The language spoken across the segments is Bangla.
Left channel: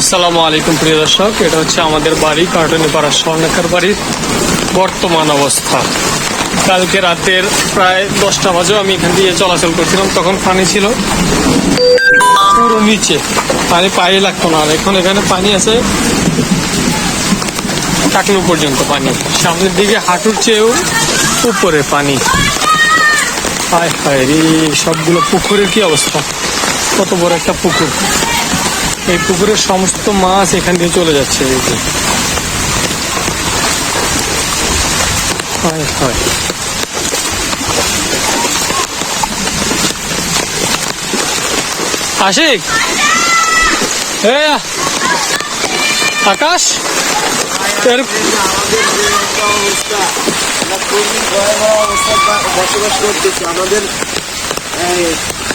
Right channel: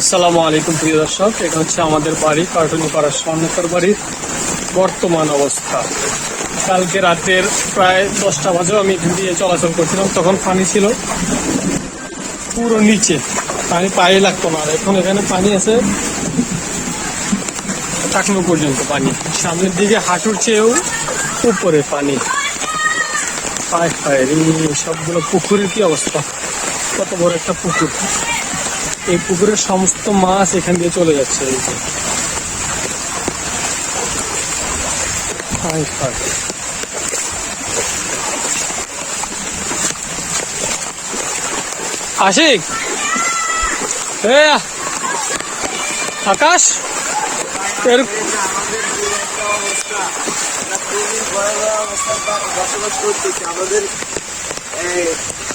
আসসালামু আলাইকুম প্রিয় দর্শক, এটা হচ্ছে আমাদের বাড়ি কার্টুনিপাড়া স্বর্ণাকার বাড়ির বর্তমান অবস্থা। কালকে রাতের প্রায় 10টা বাজেও আমি এখান দিয়ে চলাচল করছিলাম, তখন পানি ছিল পুরো নিচে, পানি পায়ে লাগতো না। আর এখন এখানে পানি আছে টাকনু পর্যন্ত পানি, সামনের দিকে হাঁটুর চেয়েও উপরে পানি। হায় হায় রে, সবগুলো পুকুরের কি অবস্থা! কত বড় একটা পুকুর! এই পুকুরের সমস্ত মাছ এখান দিয়ে চলে যাচ্ছে। এই যে হায় হায়, আশিক, এ আকাশ, এর বসবাস করতেছি। আমাদের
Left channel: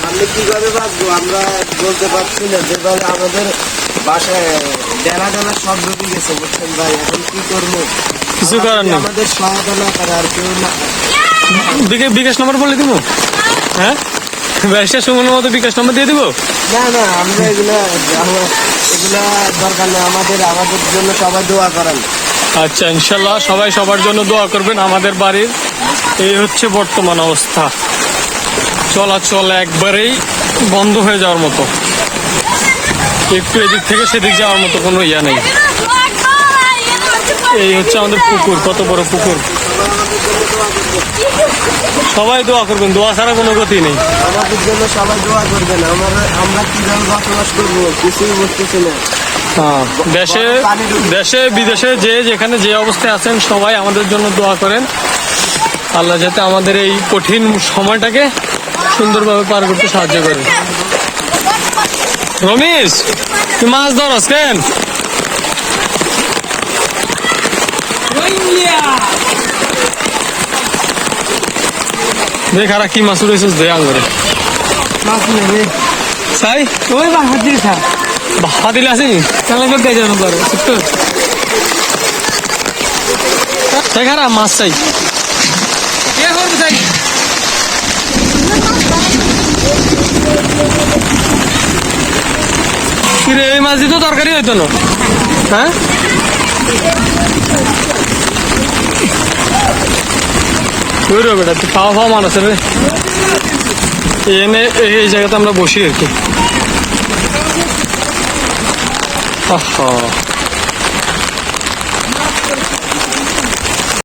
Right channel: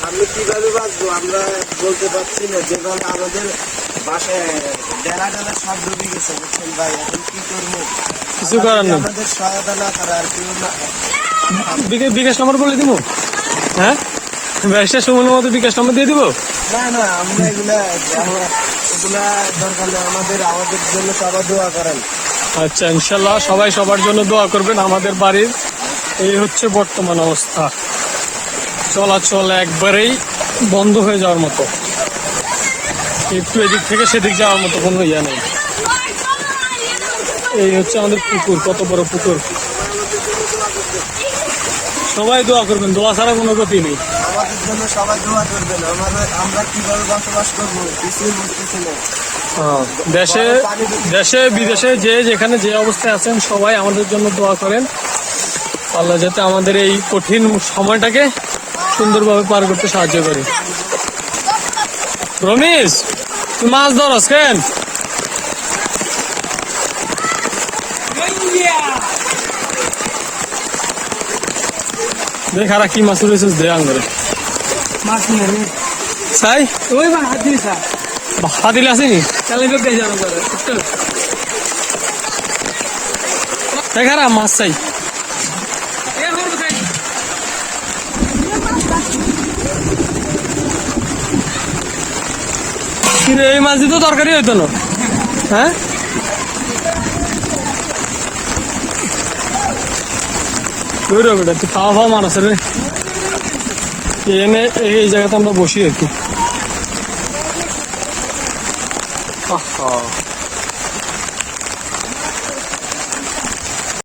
সামনে কিভাবে বাঁচবো আমরা বলতে পারছি না। যেভাবে আমাদের বাসায় ডেলা ডেলা সব ঢুকে গেছে, বুঝছেন ভাই। এখন কি করবো, কিছু করার নেই। আমাদের সহায়তা না করে আর কেউ না। বিকাশ নম্বর বলে দিব? হ্যাঁ, ব্যবসা সময়ের মতো বিকাশ নম্বর দিয়ে দিব। না না, আমরা এগুলা দরকার নেই। আমাদের জন্য সবাই দোয়া করেন। আচ্ছা, ইনশাল্লাহ সবাই সবার জন্য দোয়া করবেন। আমাদের বাড়ির এই হচ্ছে বর্তমান অবস্থা, চলাচল একবারেই বন্ধ হয়ে যাওয়ার মতো, একটু এদিক থেকে সেদিক যাওয়ার মতো কোনো ইয়া নেই। এই হচ্ছে আমাদের পুকুর, কত বড় পুকুর। সবাই দোয়া করবেন, দোয়া ছাড়া কোনো গতি নেই। আমাদের জন্য সবাই দোয়া করবেন। আমরা কিভাবে বসবাস করবো কিছুই বুঝতেছি না। হ্যাঁ, দেশে বিদেশে যে যেখানে যে অবস্থায় আছেন সবাই আমাদের জন্য দোয়া করেন। আল্লাহ যাতে আমাদের এই কঠিন সময়টাকে সুন্দরভাবে পার করতে সাহায্য করে। রমেশ, তুই মাছ ধরস কেন? দেখ আর কি মাছ উঠেছিস, দে আঙ্গরে মাছ নেবে চাই। ওই বা হাত দিয়ে খা, ভাড়া দিলে আসেনি তাই খারাপ মাছ চাই। কিরে, এই মাছ দিয়ে তো তরকারি হইতো না। হ্যাঁ, বেটা তুই পাওয়া পাওয়া মান আছে রে। এনে এই জায়গাতে আমরা বসি আর কি। আহা।